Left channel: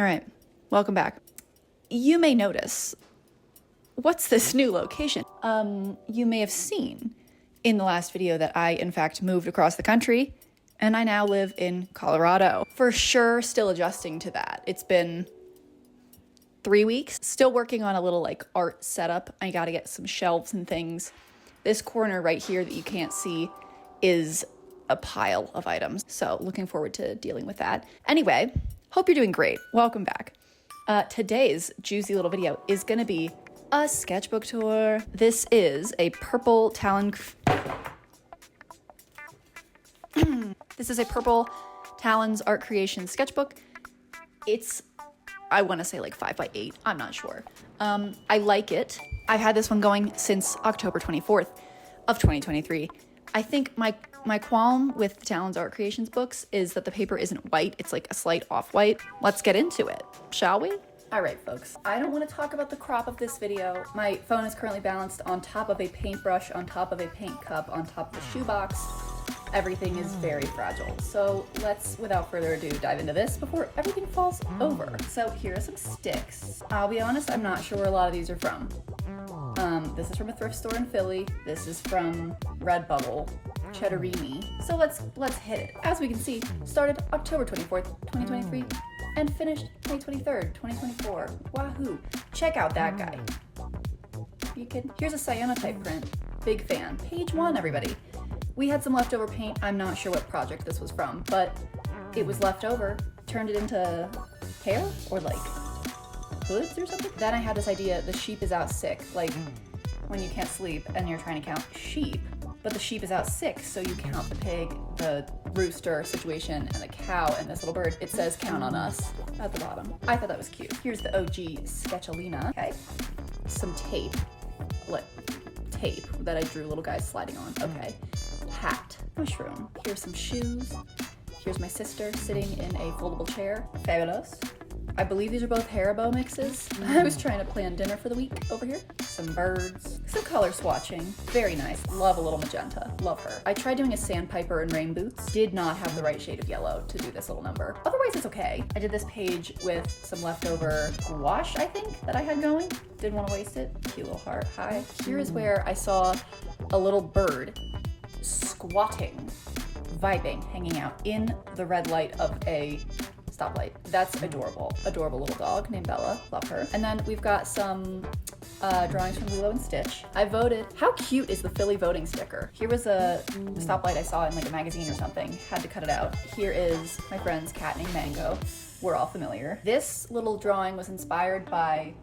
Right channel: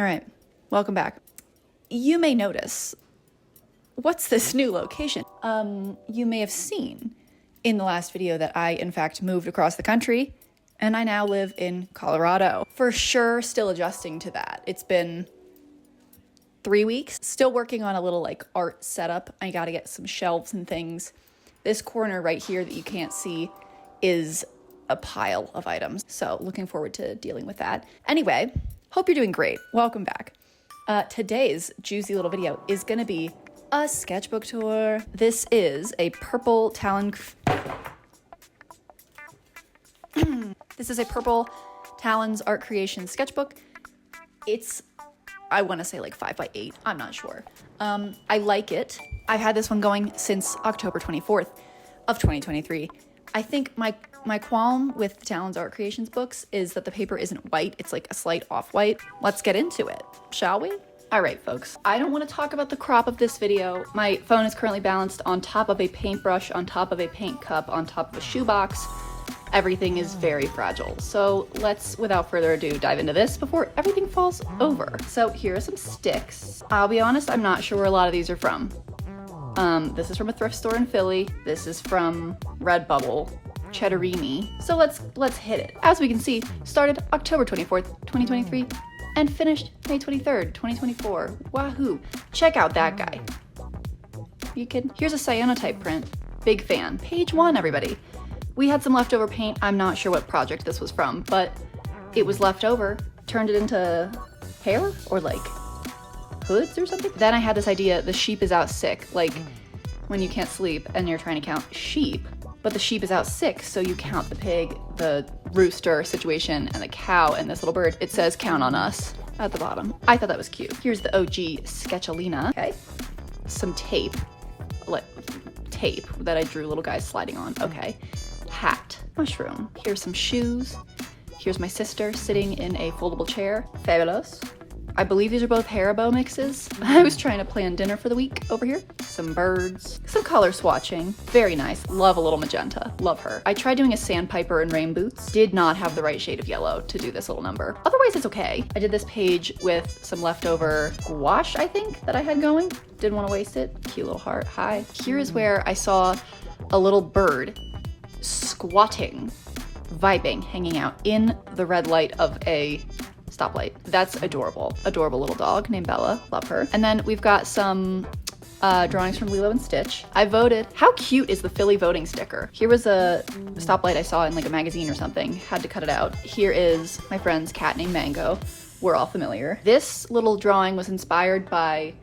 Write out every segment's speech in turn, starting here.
All right, welcome back. You may notice, what's this new location? You may have seen in the last video that I, in fact, moved across the country and I now live in Colorado. For sure, still adjusting to that. It's been 3 weeks. Still working on a little like art setup. I gotta get some shelves and things. This corner right here that you can't see is a pile of items. So looking forward to dealing with that. Anyway, hope you're doing great. Welcome back. Today's juicy little video is gonna be a sketchbook tour. This is a purple Talon. This is a purple Talon's art creation sketchbook. It's, I want to say like 5x8. I'm not sure. I like it. I've had this one going since October 24th of 2023. I think my qualm with the Talon's art creations books is that the paper isn't white. It's like a slight off-white. Let's get into it, shall we? All right, folks, I don't want to talk about the crop of this video. My phone is currently balanced on top of a paintbrush, on top of a paint cup, on top of a shoebox. Everything is very fragile. So let's, without further ado, dive into this before everything falls over. So here are some sticks. I'll be honest, I'm not sure where a lot of these are from. This is from a thrift store in Philly. This is from Redbubble, Cheddarini. So let's hit it. As we can see, started October 24th, 2023. And finished May 23rd, 2024. Wahoo! Check out that guy. Here's a cyanotype print. Big fan. Page 1, everybody. We had some leftover paint. I'm not sure what project this was from, but it was left over. Turned it into hair or like hoods or something. Then I had this idea, the sheep is out sick. Like when you can't sleep and you're trying to count sheep, but the sheep is out sick, so you count the pig, the rooster situation, and the cow, and this little bird. It says count on us at the bottom. I thought that was cute. Here's the OG sketchalina. Okay. Some tape. Tape that I drew little guys sliding on. Okay. Hat. Mushroom. Here's some shoes. Here's my sister sitting in a foldable chair. Fabulous. I believe these are both Haribo mixes. I was trying to plan dinner for the week over here. Some birds, some color swatching. Very nice. Love a little magenta. Love her. I tried doing a sandpiper and rain boots. Did not have the right shade of yellow to do this little number. Otherwise, it's okay. I did this page with some leftover gouache, I think, that I had going. Didn't want to waste it. Cute little heart. Hi. Here is where I saw a little bird squatting, vibing, hanging out in the red light of a stoplight. That's adorable. Adorable little dog named Bella. Love her. And then we've got some drawings from Lilo and Stitch. I voted. How cute is the Philly voting sticker? Here was a stoplight I saw in like a magazine or something. Had to cut it out. Here is my friend's cat named Mango. We're all familiar. This little drawing was inspired by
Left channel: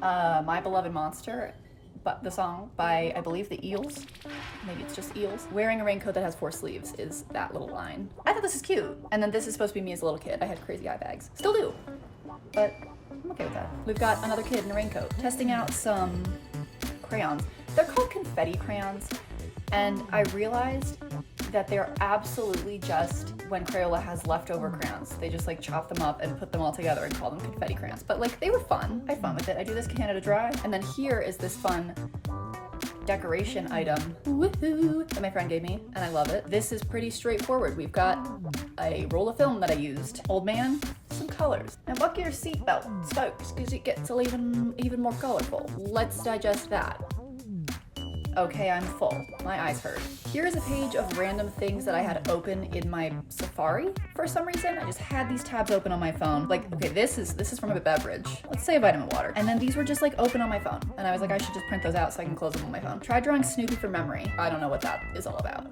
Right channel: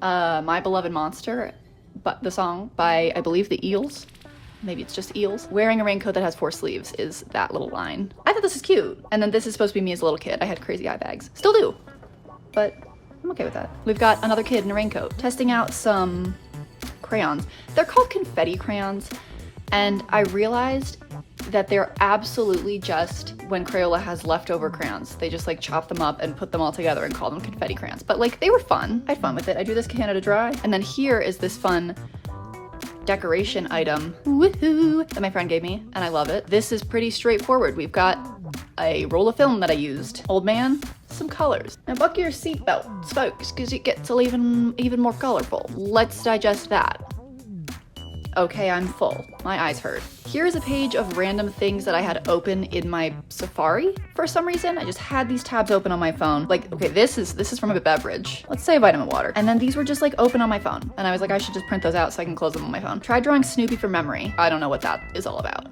My Beloved Monster, but the song by, I believe, the Eels. Maybe it's just Eels. Wearing a raincoat that has 4 sleeves is that little line. I thought this is cute. And then this is supposed to be me as a little kid. I had crazy eye bags. Still do. But I'm okay with that. We've got another kid in a raincoat testing out some crayons. They're called confetti crayons. And I realized that they're absolutely just when Crayola has leftover crayons. They just like chop them up and put them all together and call them confetti crayons. But like they were fun. I had fun with it. I do this Canada Dry. And then here is this fun decoration item, woohoo, that my friend gave me, and I love it. This is pretty straightforward. We've got a roll of film that I used. Old man, some colors. And buckle your seatbelt, folks, because it gets even more colorful. Let's digest that. Okay, I'm full. My eyes hurt. Here is a page of random things that I had open in my Safari for some reason. I just had these tabs open on my phone. Like, okay, this is from a beverage. Let's say vitamin water. And then these were just like open on my phone. And I was like, I should just print those out so I can close them on my phone. Tried drawing Snoopy from memory. I don't know what that is all about.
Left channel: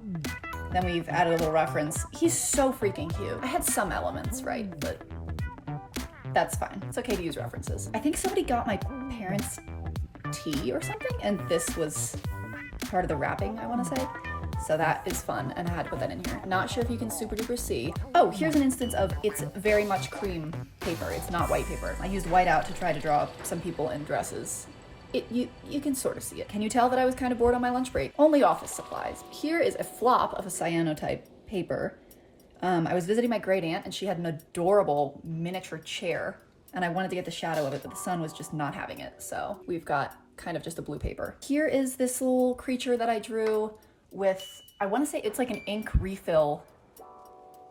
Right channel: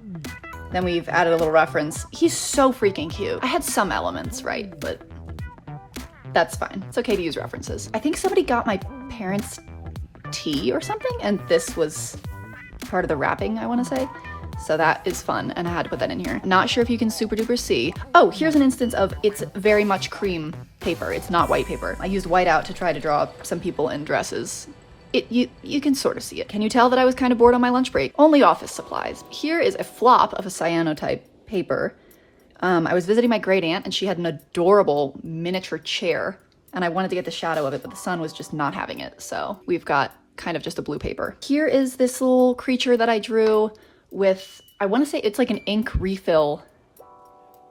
Then we've added a little reference. He's so freaking cute. I had some elements, right? But that's fine. It's okay to use references. I think somebody got my parents' tea or something, and this was part of the wrapping, I want to say. So that is fun, and I had to put that in here. Not sure if you can super duper see. Oh, here's an instance of it's very much cream paper. It's not white paper. I used white out to try to draw some people in dresses. You can sort of see it. Can you tell that I was kind of bored on my lunch break? Only office supplies. Here is a flop of a cyanotype paper. I was visiting my great aunt, and she had an adorable miniature chair, and I wanted to get the shadow of it, but the sun was just not having it. So we've got kind of just a blue paper. Here is this little creature that I drew with, I want to say it's like an ink refill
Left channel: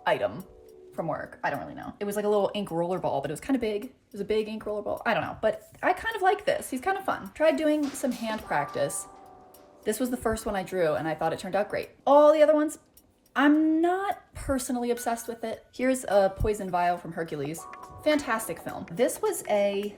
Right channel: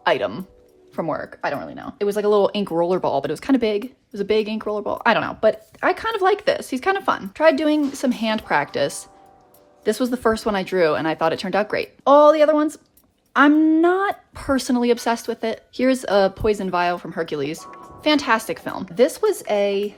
item. from work. I don't really know. It was like a little ink roller ball, but it was kind of big. It was a big ink roller ball. I don't know, but I kind of like this. He's kind of fun. Tried doing some hand practice. This was the first one I drew and I thought it turned out great. All the other ones, I'm not personally obsessed with it. Here's a poison vial from Hercules. Fantastic film. This was a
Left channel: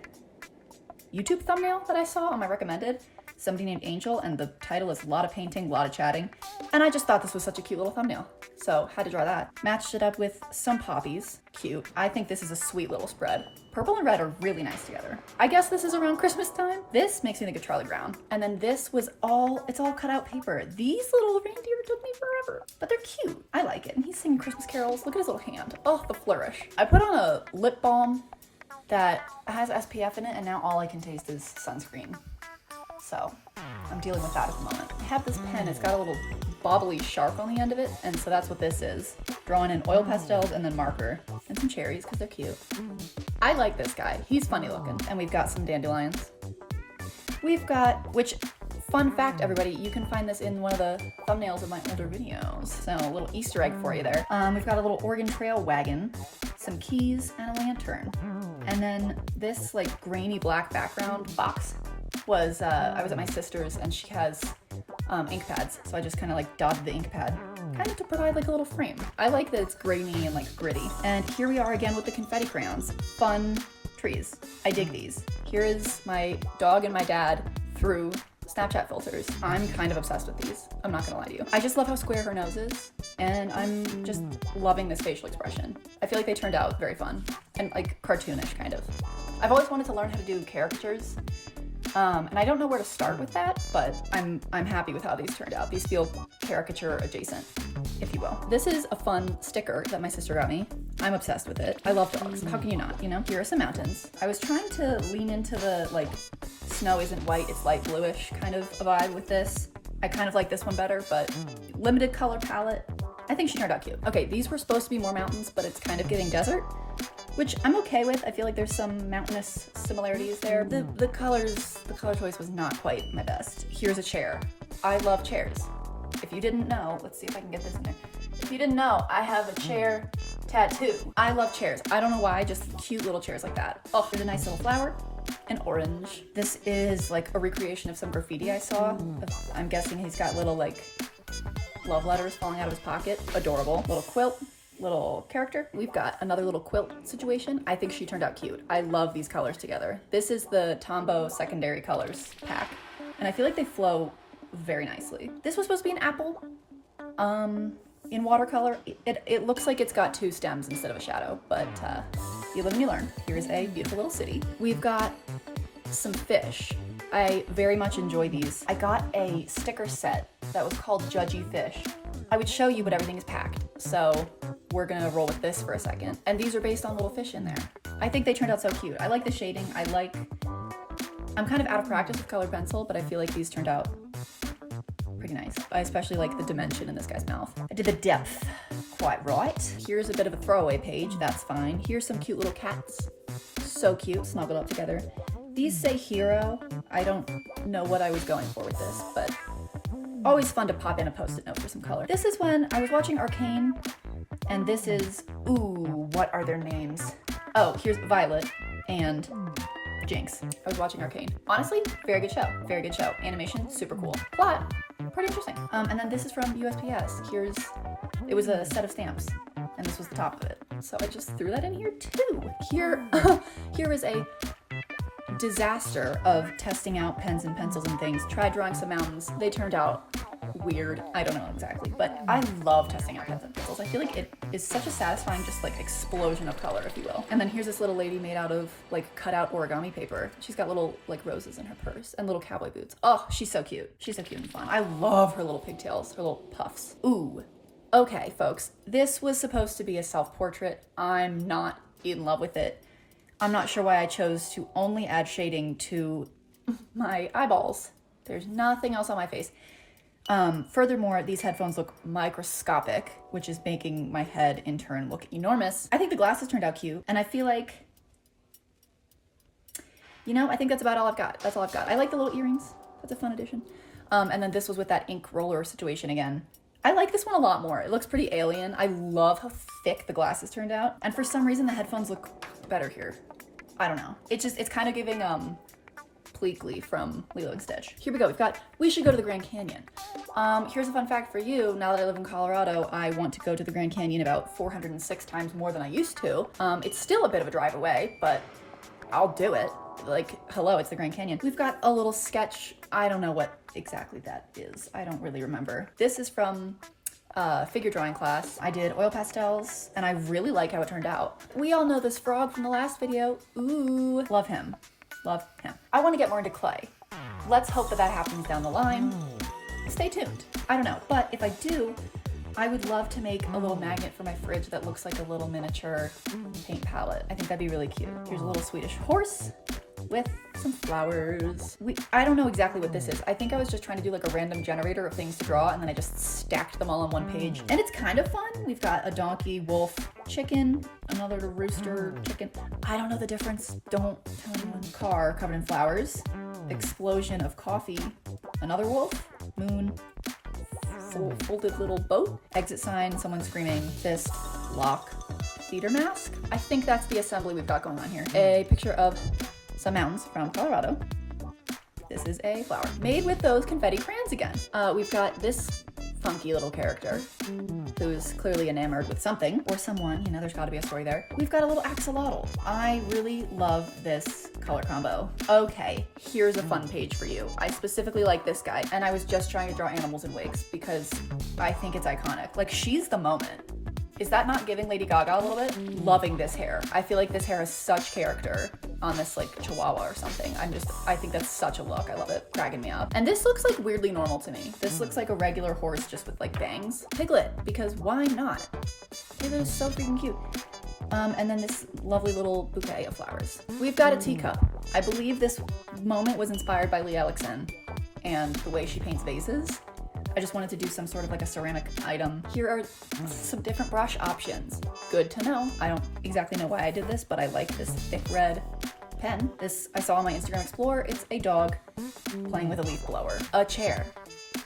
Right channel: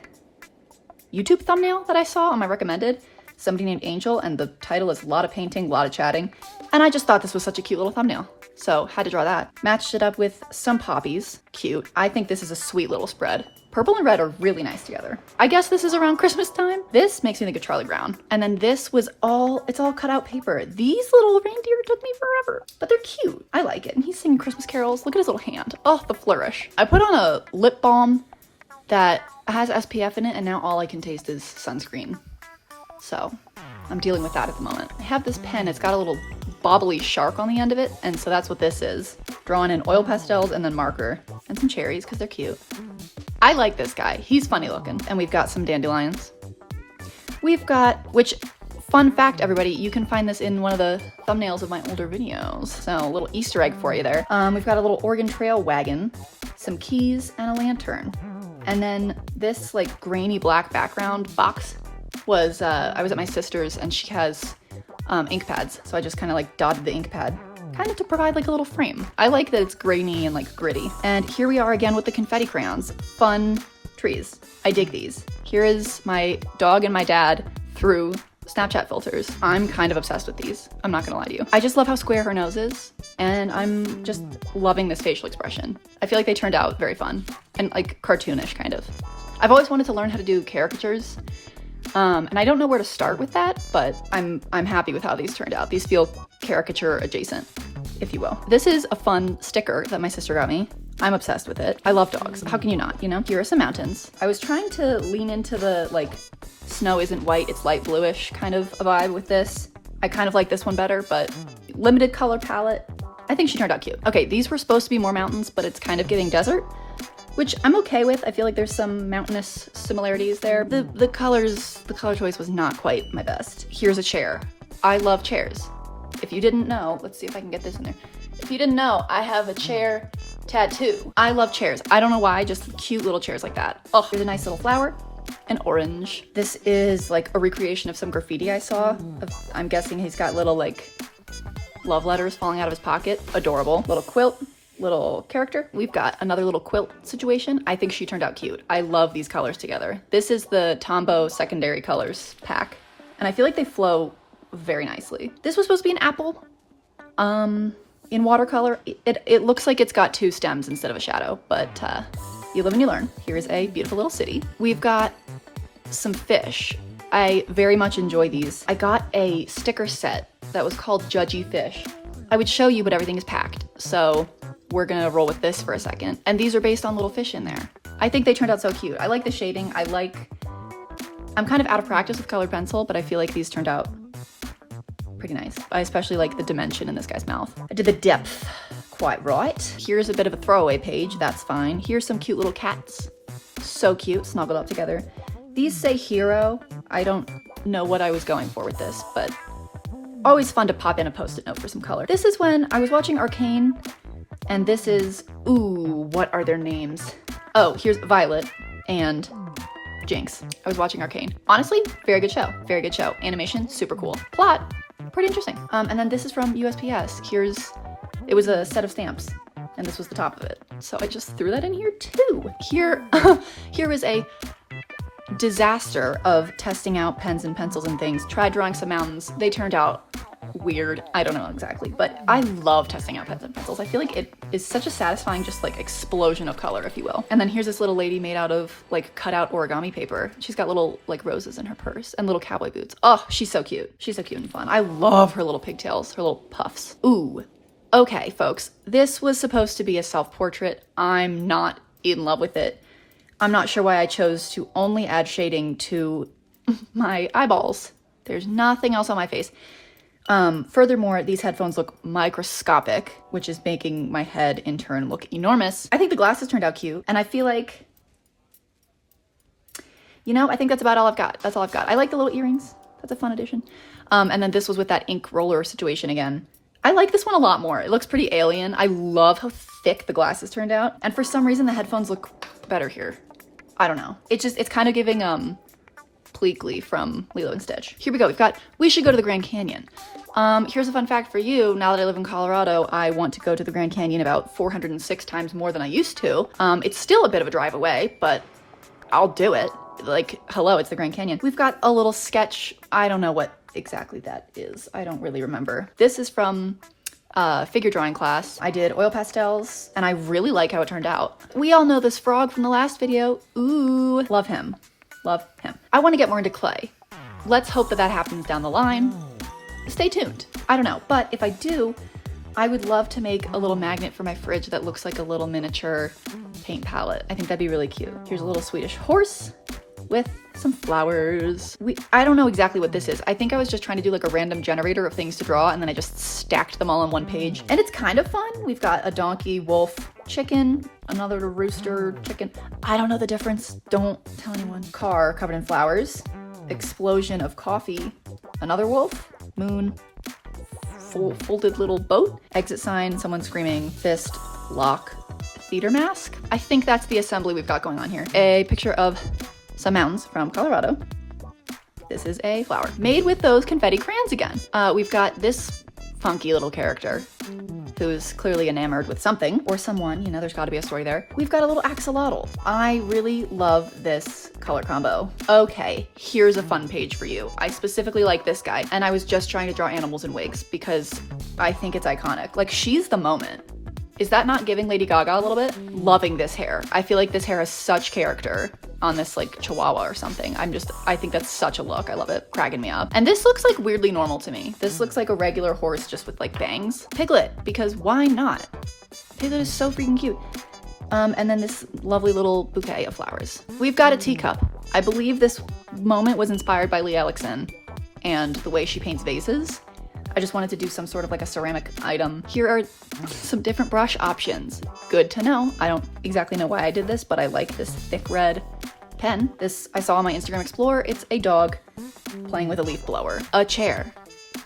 YouTube thumbnail that I saw on my recommended. Somebody named Angel, and the title is a lot of painting, a lot of chatting. And I just thought this was such a cute little thumbnail. So had to draw that. Matched it up with some poppies. Cute. I think this is a sweet little spread. Purple and red are really nice together. I guess this is around Christmas time. This makes me think of Charlie Brown. And then this was it's all cut out paper. These little reindeer took me forever, but they're cute. I like it. And he's singing Christmas carols. Look at his little hand. Oh, the flourish. I put on a lip balm that has SPF in it, and now all I can taste is sunscreen. So I'm dealing with that at the moment. I have this pen. It's got a little bobbly shark on the end of it, and so that's what this is. Drawing in oil pastels and then marker and some cherries because they're cute. I like this guy. He's funny looking. And we've got some dandelions. We've got, which, fun fact, everybody, you can find this in one of the thumbnails of my older videos. So a little Easter egg for you there. We've got a little Oregon Trail wagon, some keys, and a lantern. And then this like grainy black background box was, I was at my sister's and she has ink pads. So I just kind of like dotted the ink pad, kind of to provide like a little frame. I like that it's grainy and like gritty. And here we are again with the confetti crayons. Fun trees. I dig these. Here is my dog and my dad through Snapchat filters. I'm kind of obsessed with these. I'm not gonna lie to you. I just love how square her nose is. And I'm just loving this facial expression. I feel like they turned out very fun and like cartoonish kind of. I've always wanted to learn how to do caricatures. And I don't know where to start with that, but I'm happy with how these turned out. These feel caricature adjacent, if you will. This is a fun sticker that my sister got me. I'm obsessed with it. I love dogs. How can you not, you know? Here are some mountains. I was trying to lean into the like snow isn't white, it's light bluish kind of a vibe with this. I kind of like this one better, but limited color palette. I think she turned out cute. Okay, these were supposed to be more mountains, but it's kind of giving desert, which I'm okay with. I feel like there's some mountainous similarities there. The color choice was not quite my best. Here's a chair. I love chairs. If you didn't know, let's see if I can get this in there. If you didn't know, I have a chair tattoo. I love chairs. I don't know why, just cute little chairs like that. Oh, there's a nice little flower, an orange. This is like a recreation of some graffiti I saw. I'm guessing he's got little like love letters falling out of his pocket. Adorable. Little quilt. Little character. We've got another little quilt situation. I think she turned out cute. I love these colors together. This is the Tombow secondary colors pack, and I feel like they flow very nicely. This was supposed to be an apple in watercolor. It looks like it's got two stems instead of a shadow, but you live and you learn. Here's a beautiful little city. We've got some fish. I very much enjoy these. I got a sticker set that was called Judgy Fish. I would show you, but everything is packed. So we're gonna roll with this for a second. And these are based on little fish in there. I think they turned out so cute. I like the shading. I'm kind of out of practice with colored pencil, but I feel like these turned out pretty nice. I especially like the dimension in this guy's mouth. I did the depth quite right. Here's a bit of a throwaway page. That's fine. Here's some cute little cats. So cute, snuggled up together. These say hero. I don't know what I was going for with this, but always fun to pop in a post-it note for some color. This is when I was watching Arcane, and this is, ooh, what are their names? Oh, here's Violet and Jinx. I was watching Arcane. Honestly, very good show. Very good show. Animation, super cool. Plot, pretty interesting. And then this is from USPS. It was a set of stamps, and this was the top of it. So I just threw that in here too. Here was a disaster of testing out pens and pencils and things. Tried drawing some mountains. They turned out weird. I don't know exactly, but I love testing out pens and pencils. I feel like it is such a satisfying just like explosion of color, if you will. And then here's this little lady made out of like cut out origami paper. She's got little like roses in her purse and little cowboy boots. Oh, she's so cute. She's so cute and fun. I love her little pigtails, her little puffs. Ooh. Okay, folks, this was supposed to be a self-portrait. I'm not in love with it. I'm not sure why I chose to only add shading to my eyeballs. There's nothing else on my face. Furthermore, these headphones look microscopic, which is making my head in turn look enormous. I think the glasses turned out cute, and I feel like, you know, I think that's about all I've got. That's all I've got. I like the little earrings. That's a fun addition. And then this was with that ink roller situation again. I like this one a lot more. It looks pretty alien. I love how thick the glasses turned out. And for some reason, the headphones look better here. I don't know. It's kind of giving, Pleakley from Lilo and Stitch. Here we go. We've got, we should go to the Grand Canyon. Here's a fun fact for you. Now that I live in Colorado, I want to go to the Grand Canyon about 406 times more than I used to. It's still a bit of a drive away, but I'll do it. Like, hello, it's the Grand Canyon. We've got a little sketch. I don't know what exactly that is. I don't really remember. This is from figure drawing class. I did oil pastels and I really like how it turned out. We all know this frog from the last video. Ooh, love him. Love him. I want to get more into clay. Let's hope that that happens down the line. Stay tuned. I don't know, but if I do, I would love to make a little magnet for my fridge that looks like a little miniature paint palette. I think that'd be really cute. Here's a little Swedish horse with some flowers. I don't know exactly what this is. I think I was just trying to do like a random generator of things to draw and then I just stacked them all on one page. And it's kind of fun. We've got a donkey, wolf, chicken, another rooster, chicken. I don't know the difference. Don't tell anyone. Car covered in flowers. Explosion of coffee. Another wolf. Moon. Folded little boat. Exit sign. Someone screaming. Fist. Lock. Theater mask. I think that's the assembly we've got going on here. A picture of some mountains from Colorado. This is a flower made with those confetti crayons again. We've got this funky little character who's clearly enamored with something or someone, you know, there's got to be a story there. We've got a little axolotl. I really love this color combo. Okay, here's a fun page for you. I specifically like this guy and I was just trying to draw animals in wigs because I think it's iconic. Like, she's the moment. Is that not giving Lady Gaga a little bit? Loving this hair. I feel like this hair has such character on this like chihuahua or something. I think that's such a look. I love it. Cracking me up. And this looks like weirdly normal to me. This looks like a regular horse just with like bangs. Piglet, because why not? Piglet is so freaking cute. And then this lovely little bouquet of flowers. We've got a teacup. I believe this moment was inspired by Lee Ellison and the way she paints vases. I just wanted to do some sort of like a ceramic item. Here are some different brush options. Good to know. I don't exactly know why I did this, but I like this thick red pen. This I saw on my Instagram Explorer. It's a dog playing with a leaf blower. A chair.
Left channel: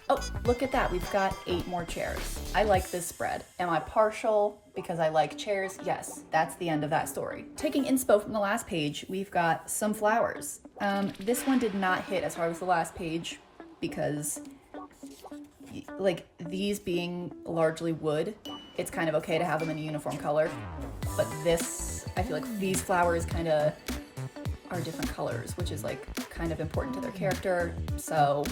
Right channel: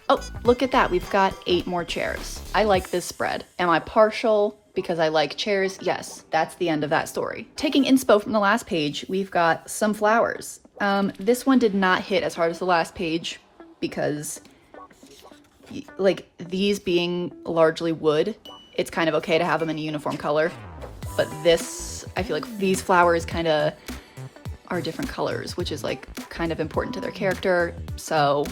Oh, look at that. We've got 8 more chairs. I like this spread. Am I partial because I like chairs? Yes, that's the end of that story. Taking inspo from the last page, we've got some flowers. This one did not hit as hard as the last page because like these being largely wood, it's kind of okay to have them in a uniform color. But this, I feel like these flowers kind of are different colors, which is like kind of important to their character. So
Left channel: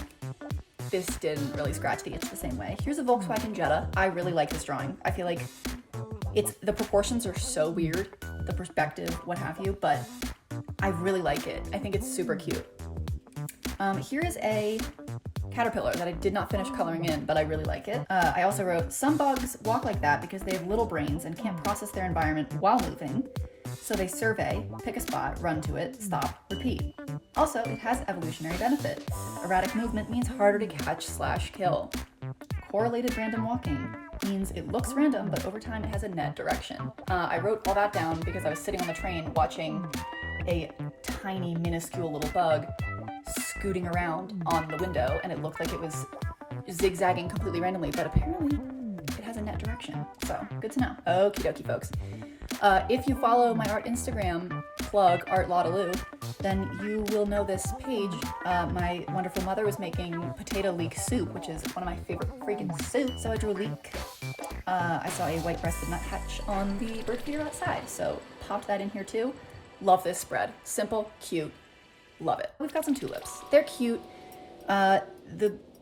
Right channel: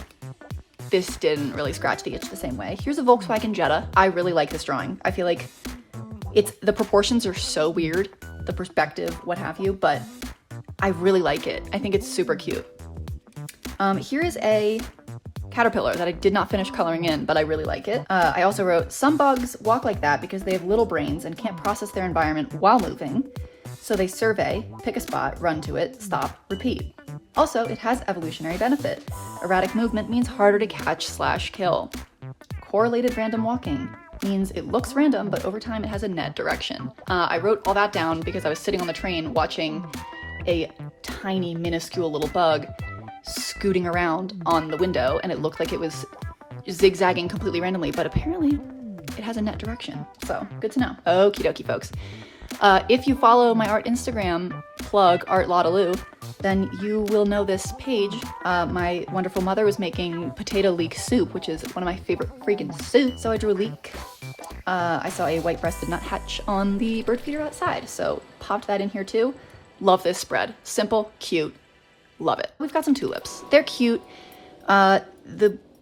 this didn't really scratch the itch the same way. Here's a Volkswagen Jetta. I really like this drawing. I feel like the proportions are so weird, the perspective, what have you, but I really like it. I think it's super cute. Here is a caterpillar that I did not finish coloring in, but I really like it. I also wrote, some bugs walk like that because they have little brains and can't process their environment while moving. So they survey, pick a spot, run to it, stop, repeat. Also, it has evolutionary benefit. Erratic movement means harder to catch/kill. Correlated random walking means it looks random, but over time it has a net direction. I wrote all that down because I was sitting on the train watching a tiny, minuscule little bug scooting around on the window, and it looked like it was zigzagging completely randomly, but apparently it has a net direction. So good to know. Okie dokie, folks. If you follow my art Instagram, plug artlottalou, then you will know this page. My wonderful mother was making potato leek soup, which is one of my favorite freaking soups. So I drew a leek. I saw a white-breasted nuthatch on the bird feeder outside, so popped that in here too. Love this spread. Simple, cute. Love it. We've got some tulips. They're cute.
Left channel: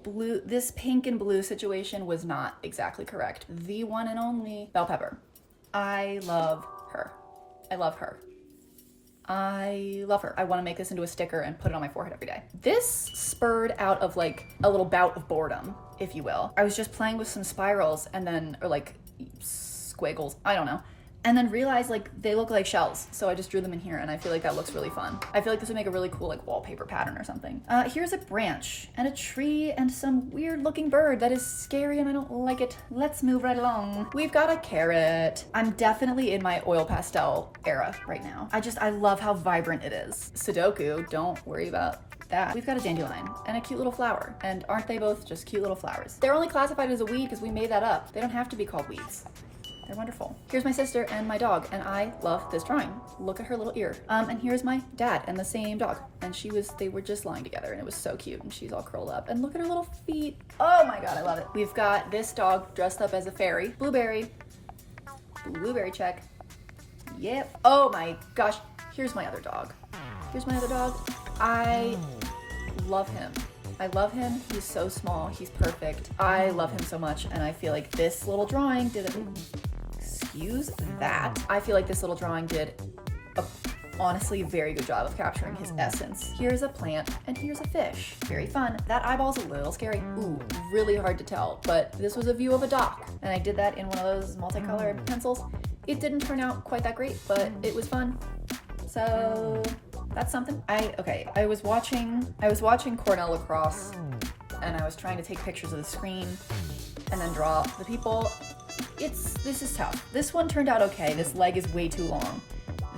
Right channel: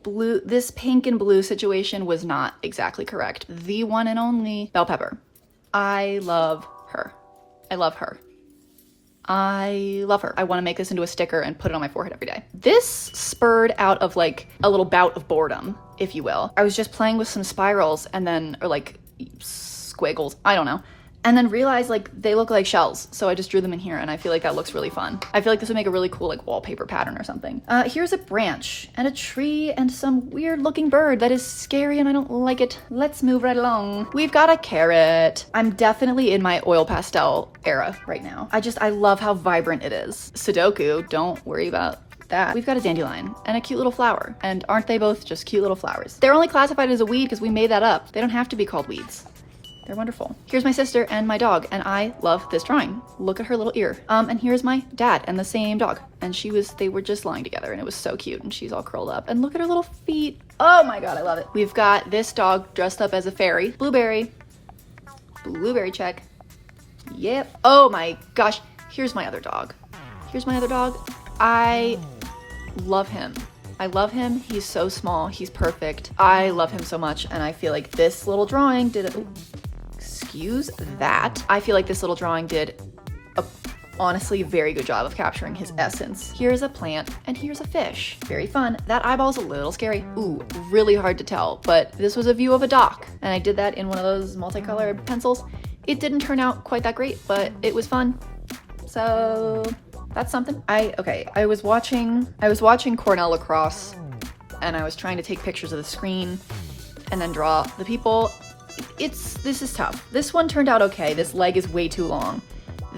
This pink and blue situation was not exactly correct. The one and only bell pepper. I love her. I love her. I love her. I want to make this into a sticker and put it on my forehead every day. This spurred out of like a little bout of boredom, if you will. I was just playing with some spirals and then, or like squiggles, I don't know. And then realized like they look like shells. So I just drew them in here and I feel like that looks really fun. I feel like this would make a really cool like wallpaper pattern or something. Here's a branch and a tree and some weird looking bird that is scary and I don't like it. Let's move right along. We've got a carrot. I'm definitely in my oil pastel era right now. I love how vibrant it is. Sudoku, don't worry about that. We've got a dandelion and a cute little flower. And aren't they both just cute little flowers? They're only classified as a weed because we made that up. They don't have to be called weeds. They're wonderful. Here's my sister and my dog, and I love this drawing. Look at her little ear. And here's my dad and the same dog. And they were just lying together, and it was so cute, and she's all curled up. And look at her little feet. Oh my God, I love it. We've got this dog dressed up as a fairy. Blueberry check. Yep. Oh my gosh, here's my other dog. I love him. He's so small. He's perfect. I love him so much, and I feel like this little drawing did a honestly very good job of capturing his essence. Here's a plant and here's a fish. Very fun. That eyeball's a little scary. Ooh, really hard to tell, but this was a view of a dock, and I did that in one of those multicolored pencils. It didn't turn out quite that great, but it was fun. So that's something. I was watching Cornell lacrosse, and I was trying to take pictures of the screen and then draw the people. This is tough. This one turned out okay. This leg is way too long.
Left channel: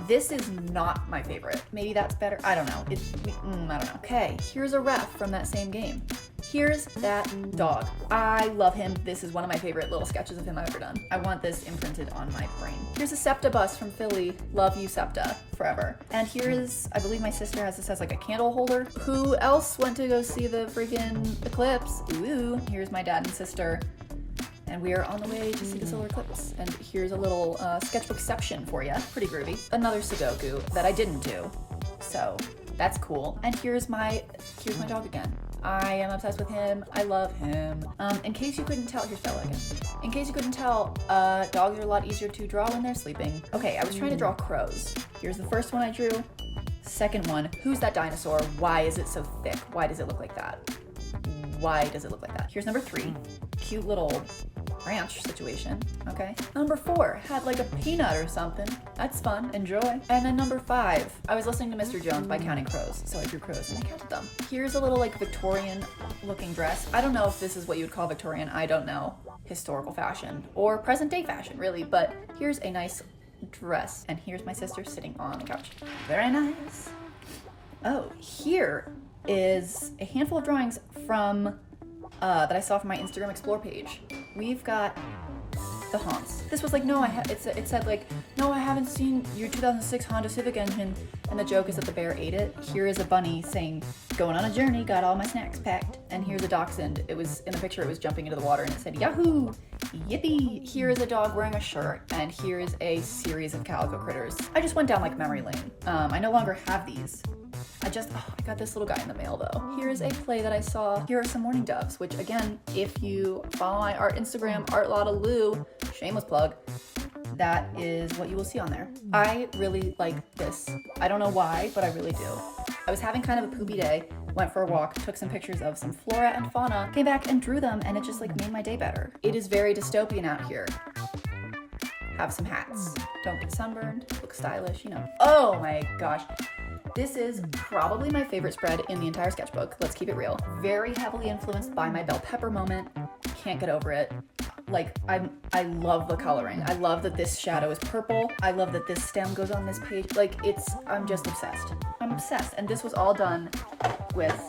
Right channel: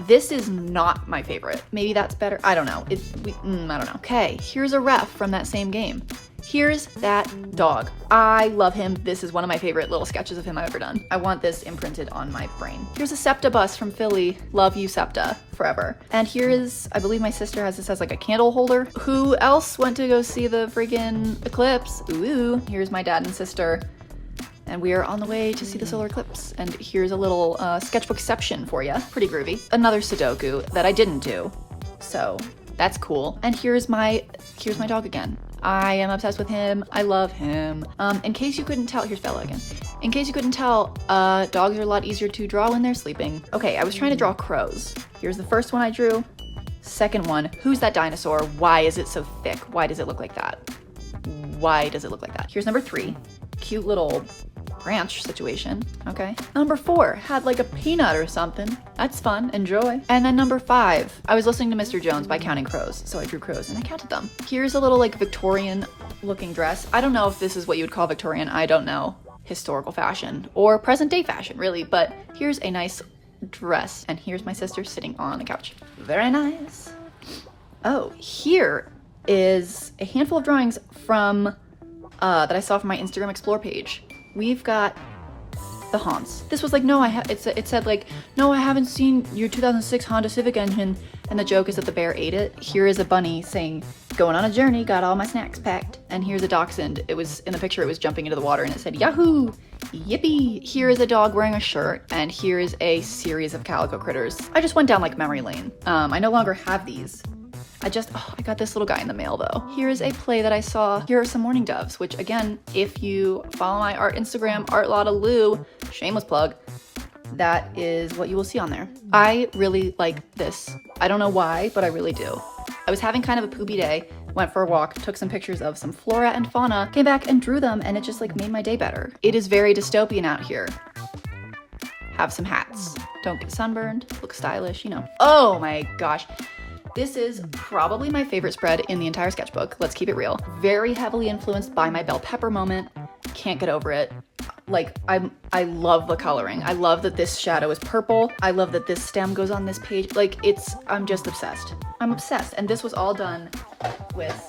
This is not my favorite. Maybe that's better. I don't know. I don't know. Okay, here's a ref from that same game. Here's that dog. I love him. This is one of my favorite little sketches of him I've ever done. I want this imprinted on my brain. Here's a SEPTA bus from Philly. Love you, SEPTA, forever. And here is, I believe my sister has this as like a candle holder. Who else went to go see the friggin' eclipse? Ooh, here's my dad and sister. And we are on the way to see the solar eclipse. And here's a little sketchbookception for you. Pretty groovy. Another Sudoku that I didn't do, so that's cool. And here's my dog again. I am obsessed with him. I love him. In case you couldn't tell, here's Bella again. In case you couldn't tell, dogs are a lot easier to draw when they're sleeping. Okay, I was trying to draw crows. Here's the first one I drew. Second one, who's that dinosaur? Why is it so thick? Why does it look like that? Here's number 3. Cute little branch situation. Okay. Number 4 had like a peanut or something. That's fun. Enjoy. And then number 5, I was listening to Mr. Jones by counting crows. So I drew crows and I counted them. Here's a little like Victorian looking dress. I don't know if this is what you would call Victorian. I don't know historical fashion or present day fashion really, but here's a nice dress. And here's my sister sitting on the couch. Very nice. Oh, here is a handful of drawings from that I saw from my Instagram Explore page. We've got the Haunts. This was like, it said like, no, I haven't seen your 2006 Honda Civic engine, and the joke is that the bear ate it. Here is a bunny saying, going on a journey, got all my snacks packed. And here's a dachshund. It was, in the picture, it was jumping into the water and it said, Yahoo! Yippee! Here is a dog wearing a shirt, and here is a series of calico critters. I just went down like memory lane. I no longer have these. I got this little guy in the mail though. Here is a play that I saw. Here are some mourning doves, which again, if you follow my art Instagram, artlottalou, shameless plug, that is what you will see on there. I really like this. I don't know why, but I really do. I was having kind of a poopy day, went for a walk, took some pictures of some flora and fauna, came back and drew them, and it just like made my day better. It is very dystopian out here. Have some hats. Don't get sunburned, look stylish, you know. Oh my gosh. This is probably my favorite spread in the entire sketchbook. Let's keep it real. Very heavily influenced by my bell pepper moment. Can't get over it. Like, I love the coloring. I love that this shadow is purple. I love that this stem goes on this page. Like, I'm just obsessed. I'm obsessed. And this was all done with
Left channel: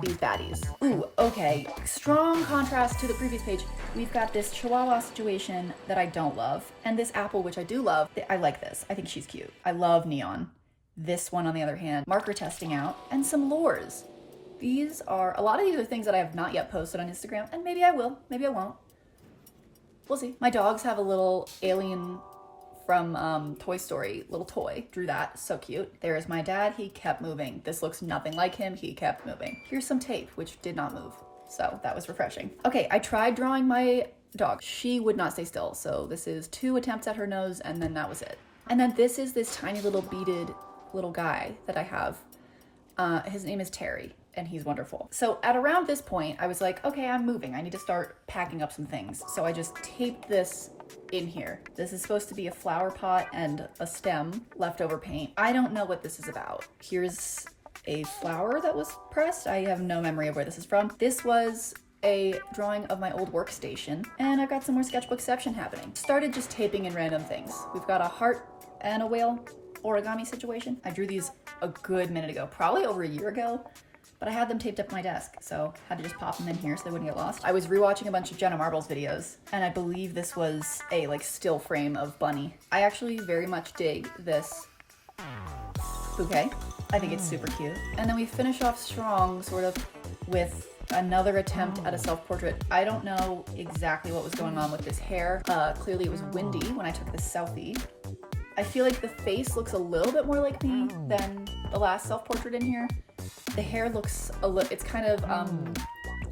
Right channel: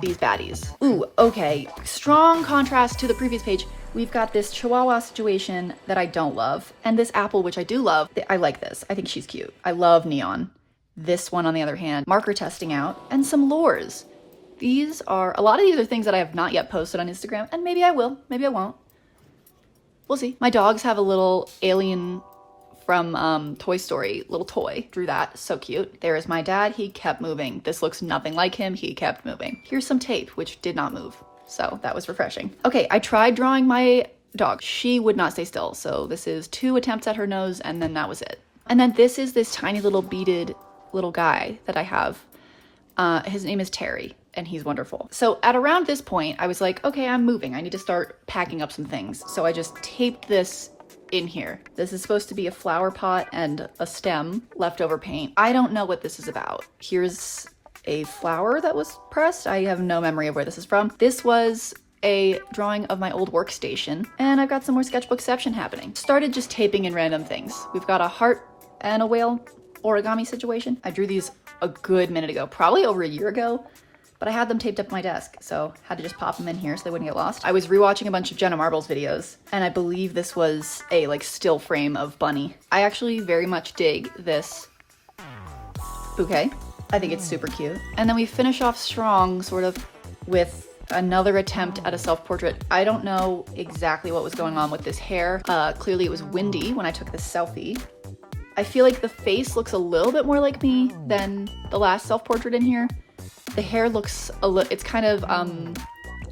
these baddies. Ooh, okay. Strong contrast to the previous page. We've got this chihuahua situation that I don't love. And this apple, which I do love. I like this. I think she's cute. I love neon. This one, on the other hand, marker testing out, and some lures. A lot of these are things that I have not yet posted on Instagram, and maybe I will, maybe I won't. We'll see. My dogs have a little alien from Toy Story, little toy. Drew that, so cute. There is my dad, he kept moving. This looks nothing like him, he kept moving. Here's some tape, which did not move, so that was refreshing. Okay, I tried drawing my dog. She would not stay still, so this is 2 attempts at her nose, and then that was it. And then this is this tiny little beaded little guy that I have. His name is Terry, and he's wonderful. So at around this point, I was like, okay, I'm moving. I need to start packing up some things. So I just taped this in here. This is supposed to be a flower pot and a stem, leftover paint. I don't know what this is about. Here's a flower that was pressed. I have no memory of where this is from. This was a drawing of my old workstation, and I've got some more sketchbookception happening. Started just taping in random things. We've got a heart and a whale origami situation. I drew these a good minute ago, probably over a year ago, but I had them taped up on my desk, so had to just pop them in here so they wouldn't get lost. I was rewatching a bunch of Jenna Marbles videos, and I believe this was a like still frame of Bunny. I actually very much dig this bouquet. I think it's super cute. And then we finish off strong sort of with another attempt at a self-portrait. I don't know exactly what was going on with this hair. Clearly it was windy when I took this selfie. I feel like the face looks a little bit more like me than the last self-portrait in here. The hair looks it's kind of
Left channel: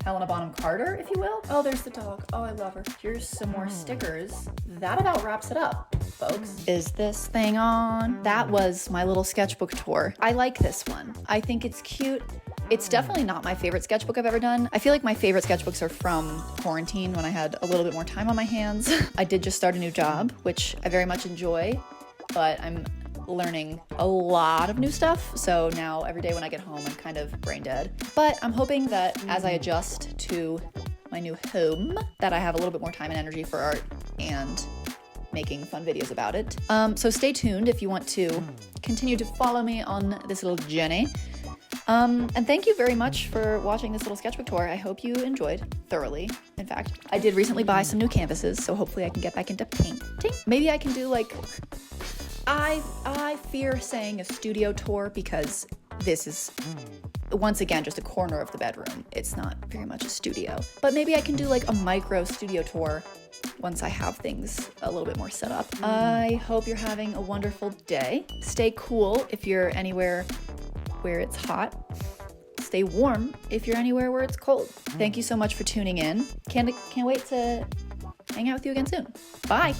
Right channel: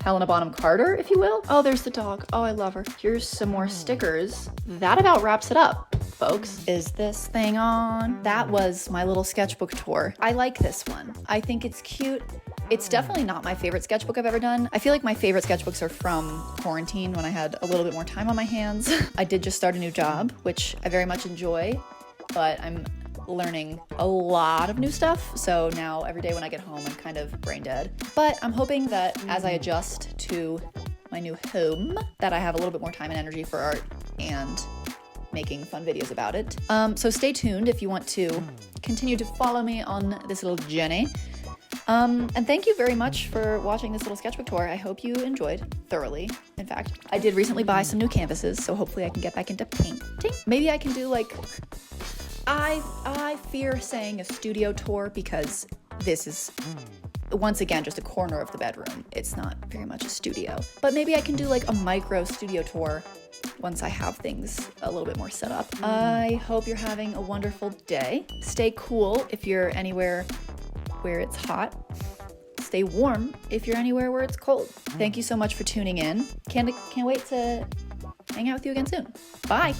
Helena Bonham Carter, if you will. Oh, there's the dog. Oh, I love her. Here's some more stickers. That about wraps it up, folks. Is this thing on? That was my little sketchbook tour. I like this one. I think it's cute. It's definitely not my favorite sketchbook I've ever done. I feel like my favorite sketchbooks are from quarantine when I had a little bit more time on my hands. I did just start a new job, which I very much enjoy, but I'm learning a lot of new stuff. So now every day when I get home, I'm kind of brain dead. But I'm hoping that as I adjust to my new home, that I have a little bit more time and energy for art and making fun videos about it. So stay tuned if you want to continue to follow me on this little journey. And thank you very much for watching this little sketchbook tour. I hope you enjoyed thoroughly. In fact, I did recently buy some new canvases, so hopefully I can get back into painting. Maybe I can do like, I fear saying a studio tour because this is, once again, just a corner of the bedroom. It's not very much a studio. But maybe I can do like a micro studio tour once I have things a little bit more set up. I hope you're having a wonderful day. Stay cool if you're anywhere where it's hot. Stay warm if you're anywhere where it's cold. Thank you so much for tuning in. Can't wait to hang out with you again soon. Bye.